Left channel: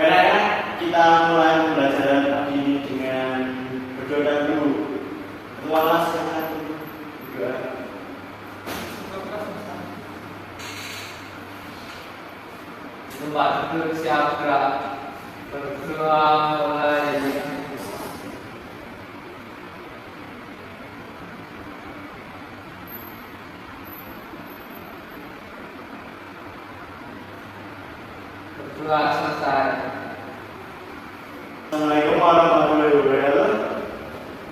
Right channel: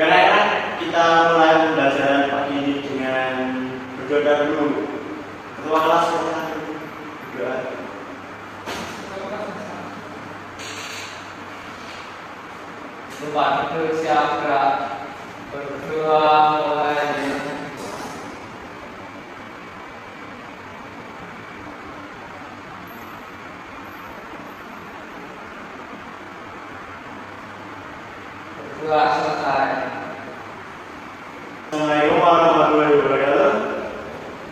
Karena kita mulai pembelajaran pagi ini dengan berdoa dulu. Ketua kelas berdoa. Coba kita siapkan berdoa mulai. Berdoa selesai. Assalamualaikum warahmatullahi wabarakatuh.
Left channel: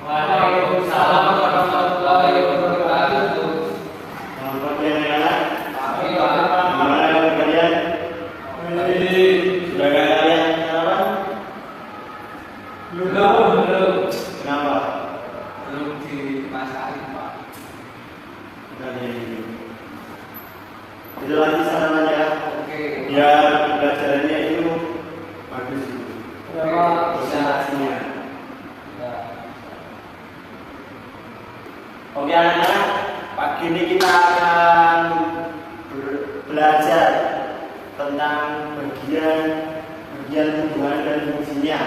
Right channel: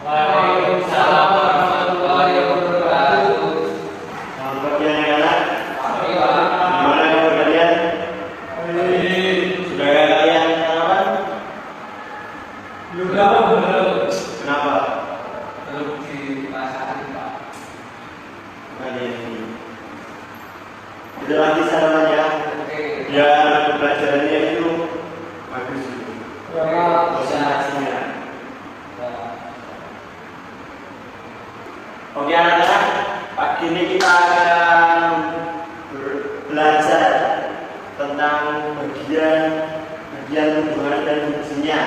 Waalaikumsalam warahmatullahi wabarakatuh. Selamat pagi anak-anak. Gimana kabar kalian? Sudah kalian sarapan? Belum. Kenapa? Belum dimasakin, Pak. Ini. Itu lagi sarapannya. Oke. Biar pembelajarannya itu bagus. Konsentrasinya. Oke anak-anak, pagi ini kita akan belajar tentang bagian hubungan dan fungsinya.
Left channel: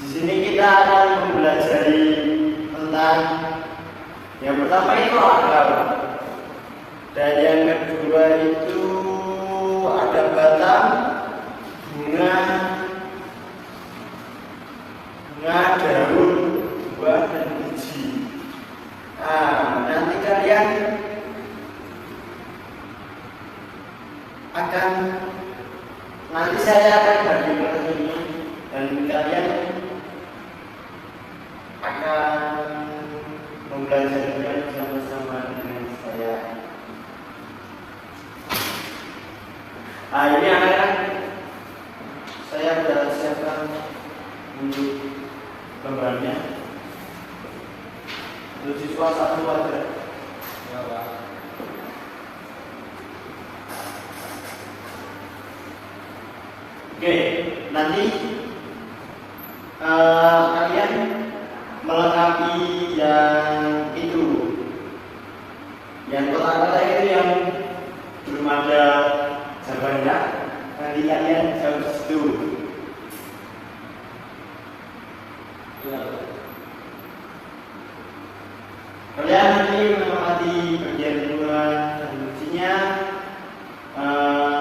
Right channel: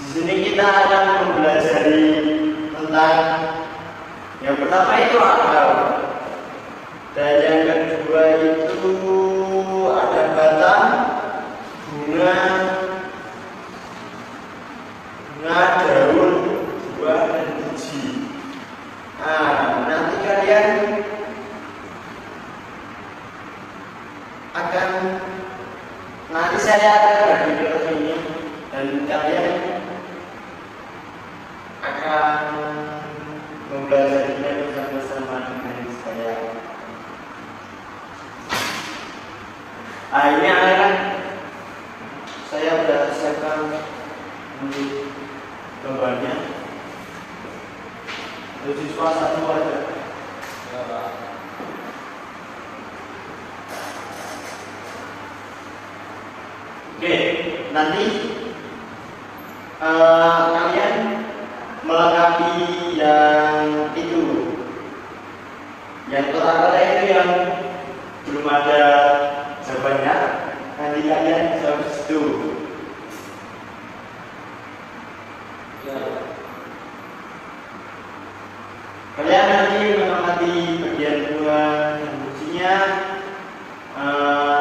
Di sini kita akan mempelajari tentang yang pertama itu akal, dan yang kedua itu ada batang, bunga, daun, buah, dan biji. Nanti kalian akan, nanti saya akan bagi kelas ini dan kalian akan mempelajarinya bersama-sama dengan saya. Ini anak-anak, saya sudah siapkan gambarnya. Untuk siswa satu aja. Ya, Pak. Oke, nanti kalian melengkapi yang itu, yang kota-kota itu yang belum ada jawabannya, nanti kalian jawab di situ. Kalian nanti mengamati bagian buah dan fungsinya,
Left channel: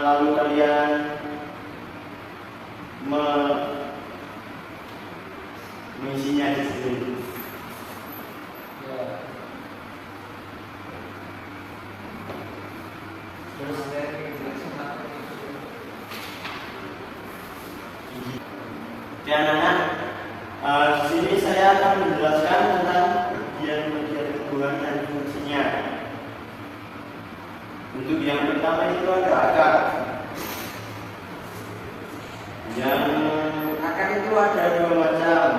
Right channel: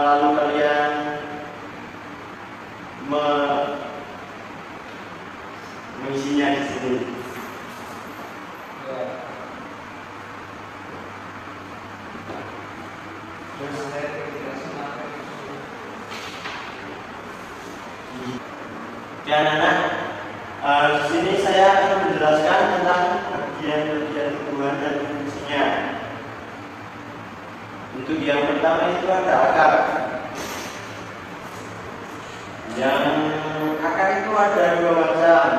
lalu kalian mengisinya di situ. Oke anak-anak, di sini saya akan menjelaskan tentang bagian-bagian hubungan dan fungsinya. Untuk yang pertama itu ada akar. Yang akar itu ada dua macam.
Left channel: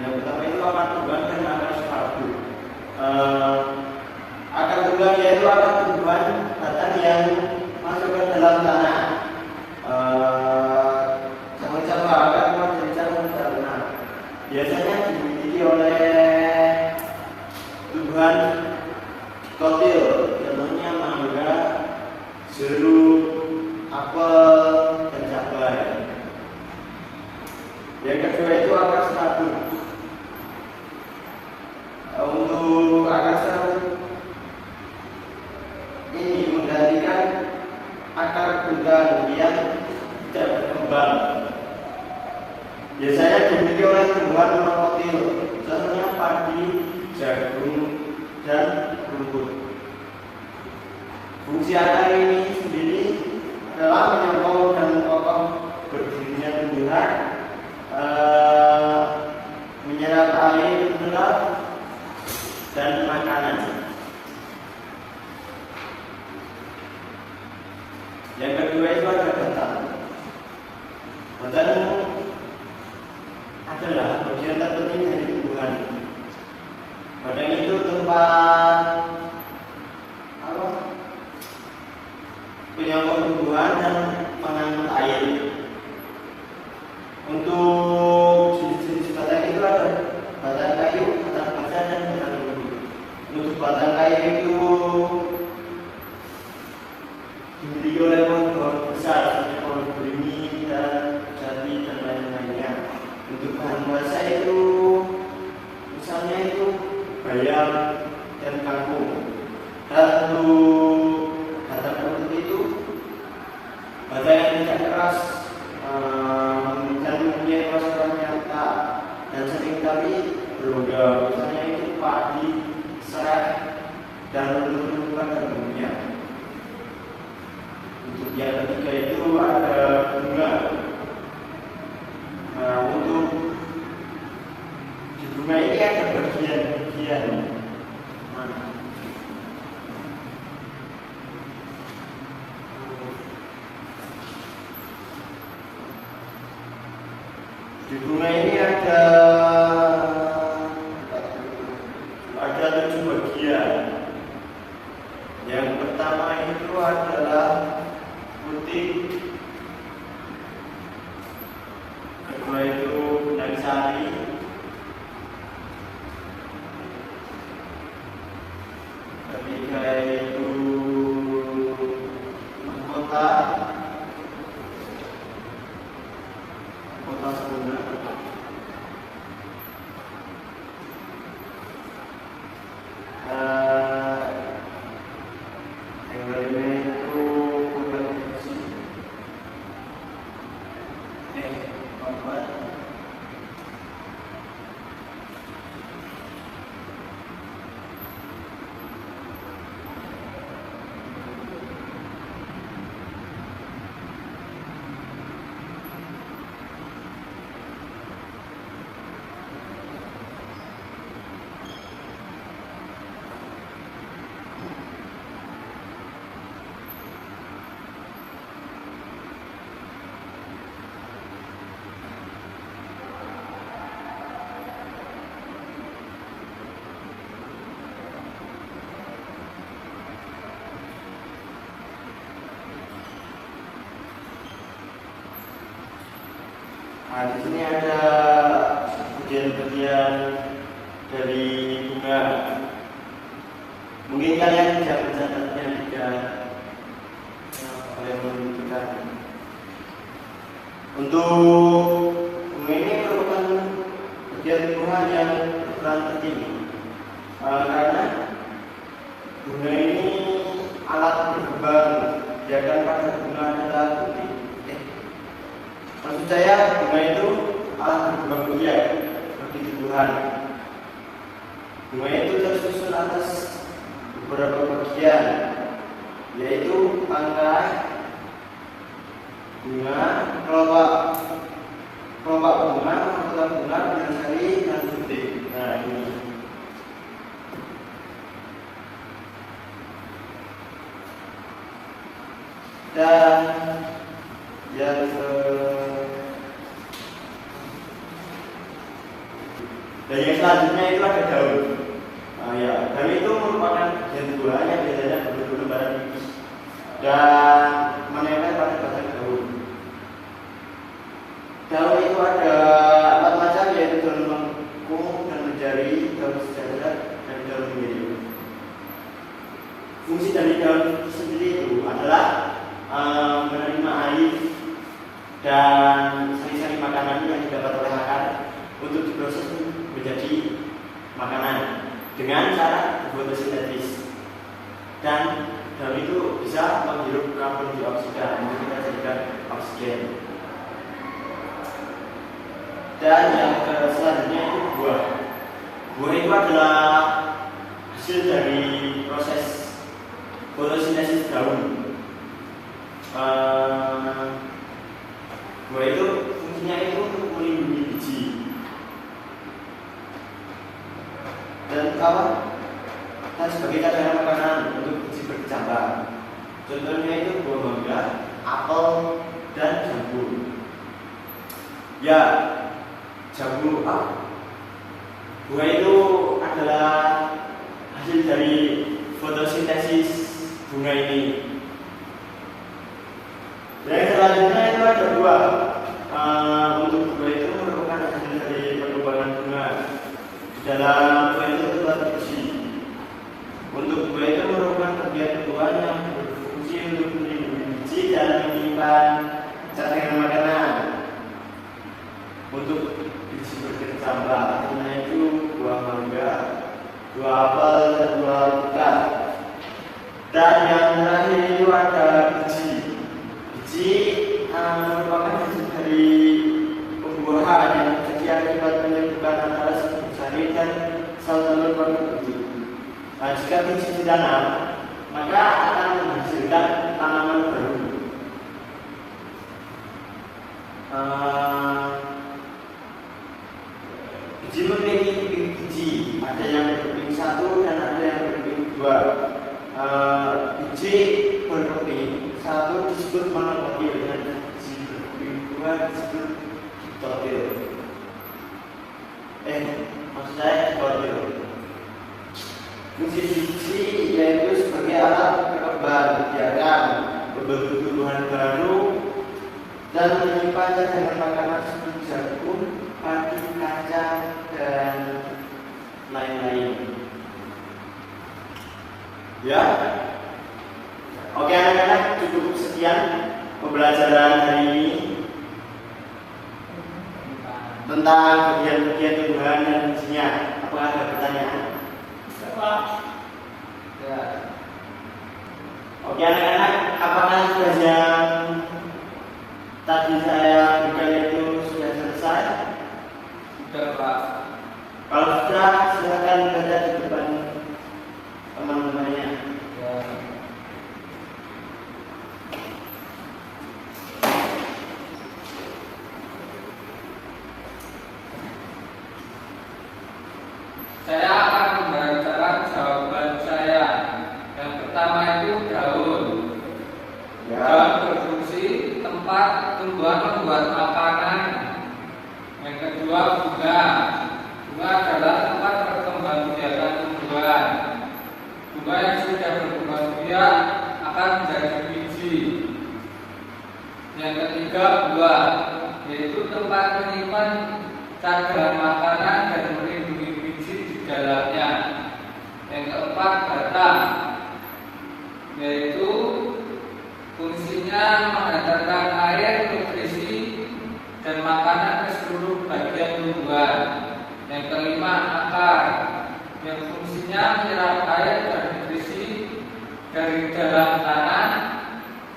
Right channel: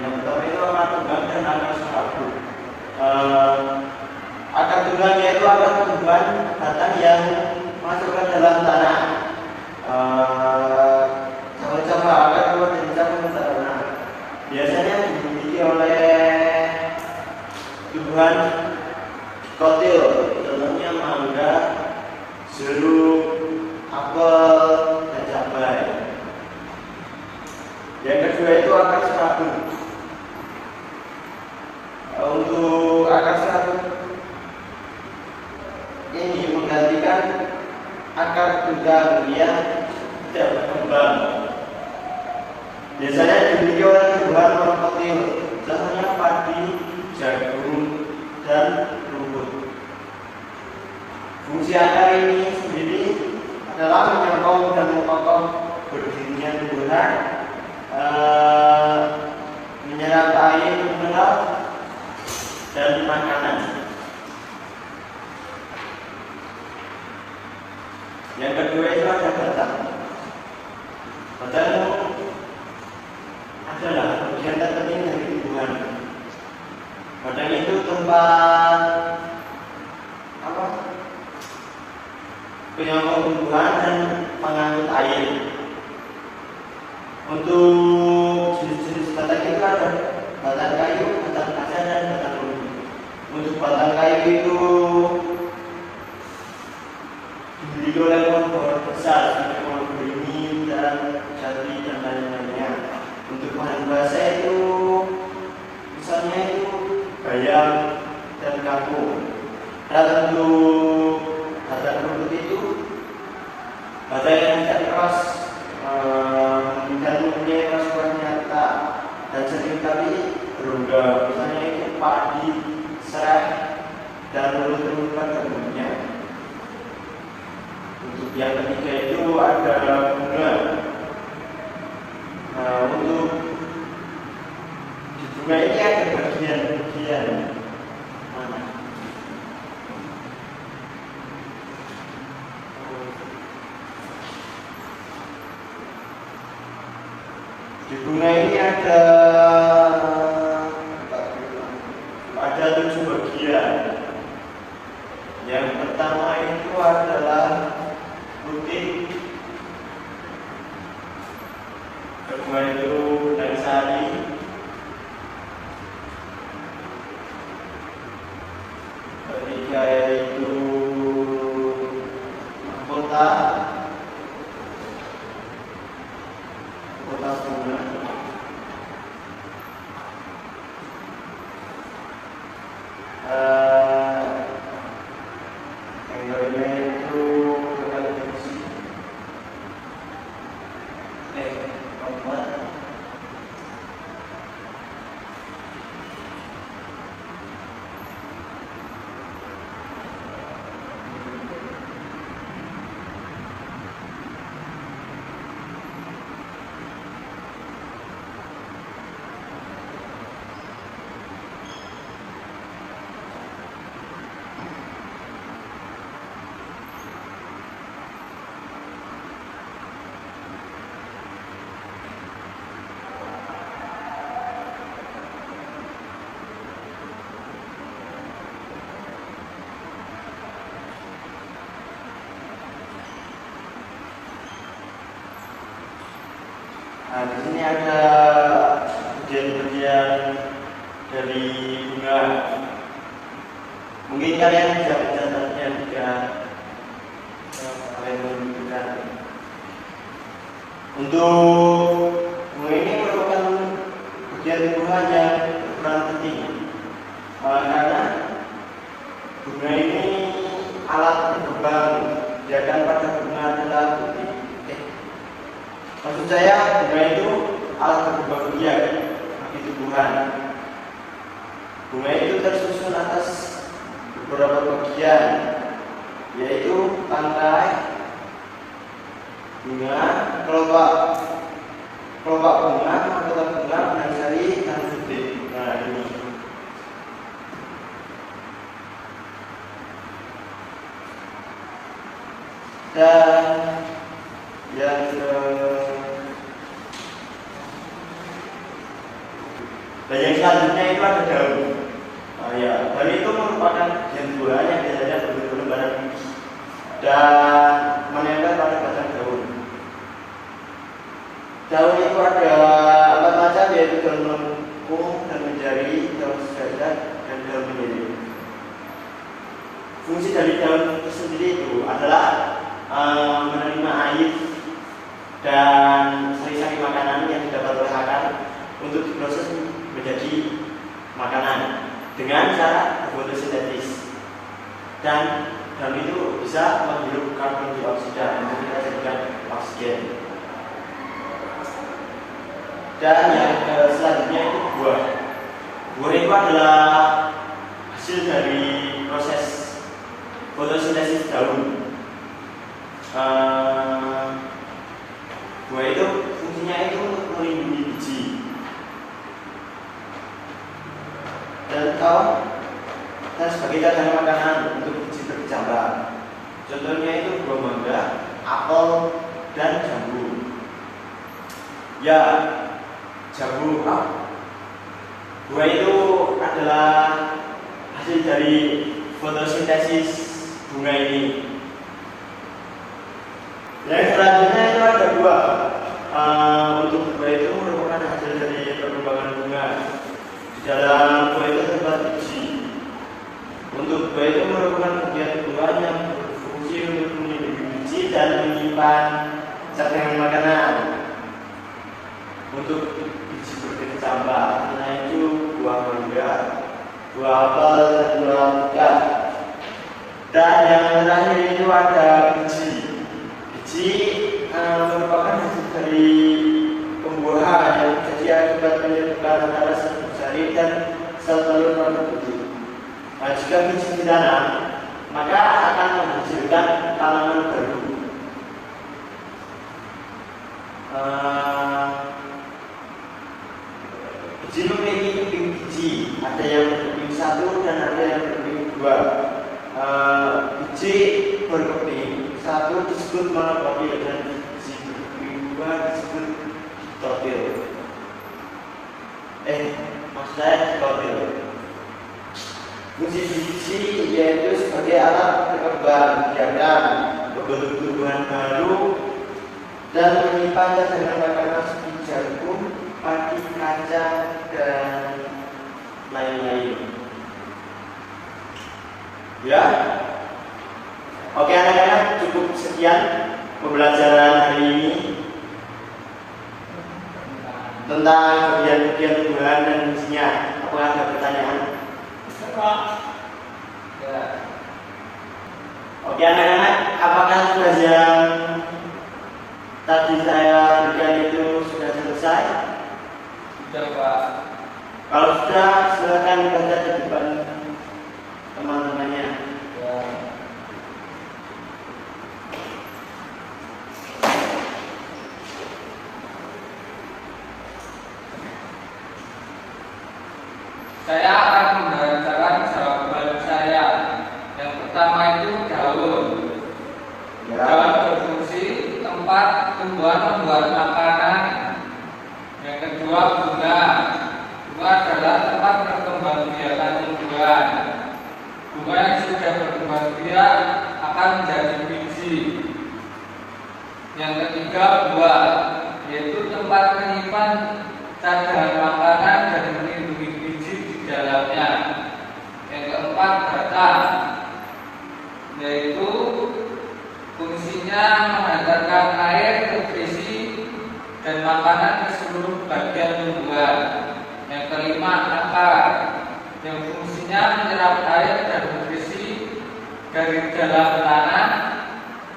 Yang pertama itu akar tunggang dan akar serabu. Akar tunggang yaitu akar tumbuhan batang yang masuk ke dalam tanah. Cabang-cabang akar keluar dari cabang tanah. Biasanya dimiliki oleh tumbuhan kotil, contohnya mangga, jeruk, apel, dan cabai. Yang kedua itu akar serabut. Untuk akar serabut ini menggantikan akar tunggang yang tidak berkembang. Biasanya dimiliki oleh tumbuhan monokotil, contohnya padi, jagung, dan rumput. Fungsi akar ini sendiri adalah menyokong dan mengokoh berdirinya tumbuhan, menyerap air mineral dan makanan. Yang kedua itu ada batang. Batang adalah bagian terpenting dari tumbuhan. Batang itu tempat penyokong tumbuhan dan pengangkut air. Untuk jenis-jenis batang itu ada batang kayu, batang kaca, dan batang bambu. Untuk batang kayu itu dilindungi oleh pohon besar seperti pohon beringin dan jati dan lain-lainnya. Untuk bahan bahasa itu misalnya itu bayam dan kampung. Dan untuk itu kata yang tidak keras dan mempunyai masukan nyata dan seringkali berubah, misalnya itu padi, serai dan menentukan bentuknya. Untuk yang ketiga itu ada bunga. Untuk di bunga ini ada bagian-bagian. Di bunga ini ada 7 bagian. Yang pertama itu adalah putih, kedua itu dari sari, ketiga itu kota bunga, yang lainnya itu galaksi, kompas. Nah, di sini ada bagian-bagian dari bunga. Mungkin kalian bisa mencatatnya jika kalian menunjukkan. Untuk bunga ini merupakan bagian tumbuhan yang berperan penting, karena bunga ini alat berkembang biarkan pada bunga adalah putih. Maksud saya bunga itu alat berkembang biak bagi tumbuhan. Bunga itu tersusun atas beberapa bagian, yaitu tangkai, bunga, kelopak bunga, mahkota bunga, benang sari, dan butir. Nah, ini. Dan yang selanjutnya itu ada daun. Daun itu merupakan bagian buah yang biasanya berbentuk pada tipis dan menempel pada batang daun. Daun itu ada 4 macam, yaitu daun melengkung, daun menjari, daun sejajar, dan daun menyirik. Fungsi dari daun sendiri itu adalah menerima air dan sari-sari makanan yang didapat oleh akar untuk diproses menjadi makanan dengan cara fotosintesis, dan daun itu bisa menghirup karbon dioksida untuk kita jadikan oksigen. Dan yang selanjutnya itu buah. Buah itu adalah hasil dari proses fotosintesis daun. Buah itu fungsinya itu untuk melindungi biji dan sebagai cadangan makanan untuk biji berkecambah. Contohnya itu buah mangga, apel, dan jambu. Ya, jambu. Buah itu adalah hasil dari fotosintesis bunga ini. Yang selanjutnya itu ada buah. Untuk buah itu merupakan hasil dari perkembangan bunga. Di dalam buah itu terdapat biji. Untuk buah itu merupakan bagian buah yang berfungsi untuk melindungi biji dan menyimpan cadangan makanan untuk biji berkecambah. Nah itu buah mangga, buah apel, dan buah alpukat. Dan yang terakhir itu ada biji. Biji merupakan hasil dari pembuahan yang terjadi akibat penyerbukan antara sel jari dan sel telur pada biji. Nah, jika biji ditanam, maka akan menghasilkan tanaman baru. Biji memiliki keping biji, ada yang berkeping 1 dan ada yang berkeping 2. Biji berkeping 1 disebut monokotil dan biji berkeping 2 disebut diplotil. Maksud saya diplotil. Fungsi biji yaitu sebagai alat berkembang biakan, membentuk tumbuhan baru, dan menyimpan cadangan makanan seperti jagung, padi, kacang, dan lain-lain. Ya, oke anak-anak, cukup sekian pembelajaran hari ini tentang bagian-bagian tumbuhan dan fungsinya. Apakah ada pertanyaan? Ya. Oke anak-anak, apakah tugas yang tadi saya berikan itu sudah selesai? Sudah, Pak. Kalau sudah, silakan baca di depan teman-temannya. Ya. Saya akan membacakan jawaban saya. Yang pertama itu daun. Ya. Daun berfungsi tempat tumbuhan membuat makanan. Yang kedua bunga. Bunga adalah tempat perkembangbiakan tumbuhan. Bunga yang sudah berkembang biak akan menjadi biji. Yang ketiga buah, yaitu tempat menyimpan cadangan makanan dan melindungi biji di dalamnya. Yang keempat batang, yaitu fungsinya mengantarkan air, nutrisi, dan makanan ke seluruh bagian tumbuhan. Yang kelima akar, yang fungsinya menyerap air dan nutrisi dari dalam tanah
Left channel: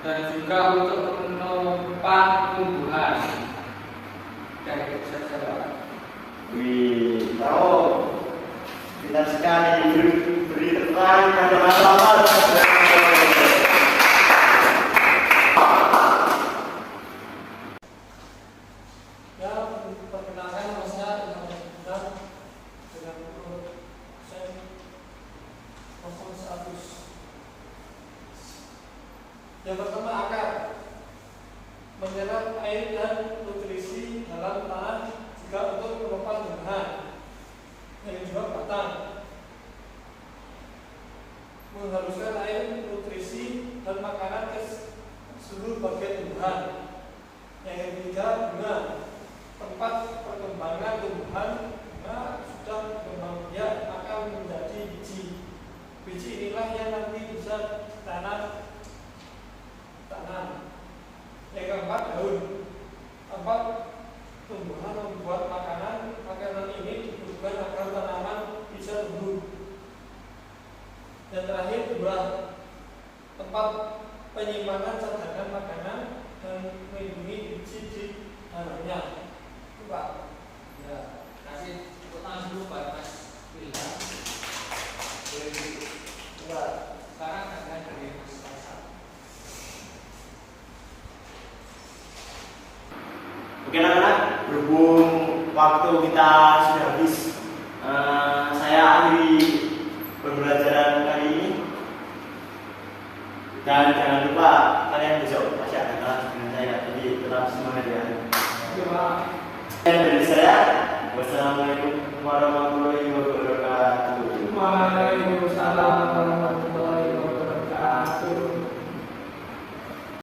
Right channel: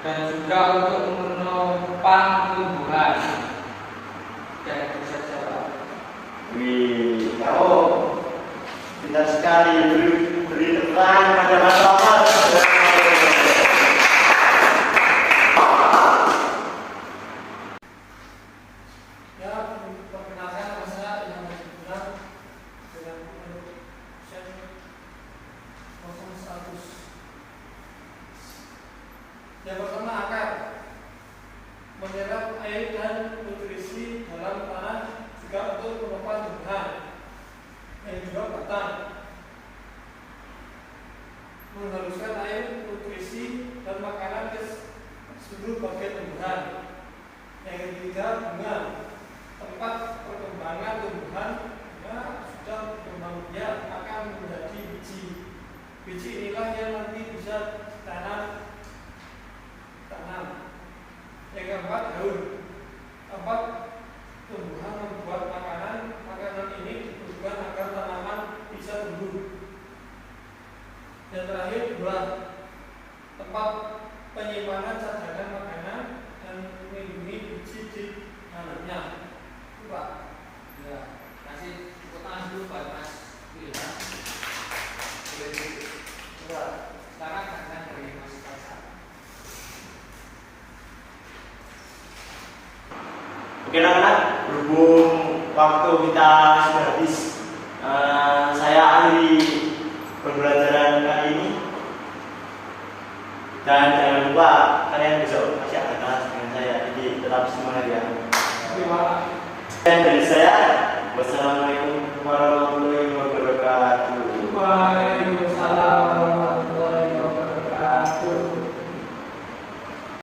dan juga untuk menopang tumbuhan. Dan itu saja. Wih, tahu pintar sekali, beri tepuk tangan pada Mas Omar. Ya, perkenalkan nama saya Ilham Benar dengan nomor sen 01. Yang pertama akar, menyerap air dan nutrisi dalam tanah juga untuk menopang tumbuhan. Yang kedua batang, mengharuskan air, nutrisi, dan makanan ke seluruh bagian tumbuhan. Yang ketiga bunga, tempat perkembangan tumbuhan. Bunga sudah berkembang biak akan menjadi biji. Biji inilah yang nanti bisa ditanam. Yang keempat daun, tempat tumbuhan membuat makanan. Makanan ini dibutuhkan agar tanaman bisa tumbuh. Dan terakhir buah, tempat penyimpanan cadangan makanan dan melindungi biji di dalamnya. Itu Pak. Ya, kasih tepuk tangan dulu buat Mas Wilham. Sekarang akan dari Mas Kaisar. Oke anak-anak, berhubung waktu kita sudah habis, saya akhiri pembelajaran kali ini. Dan jangan lupa kalian besok masih ada kelas dengan saya, jadi tetap semangat ya. Oke Pak. Dan dari saya, wassalamualaikum.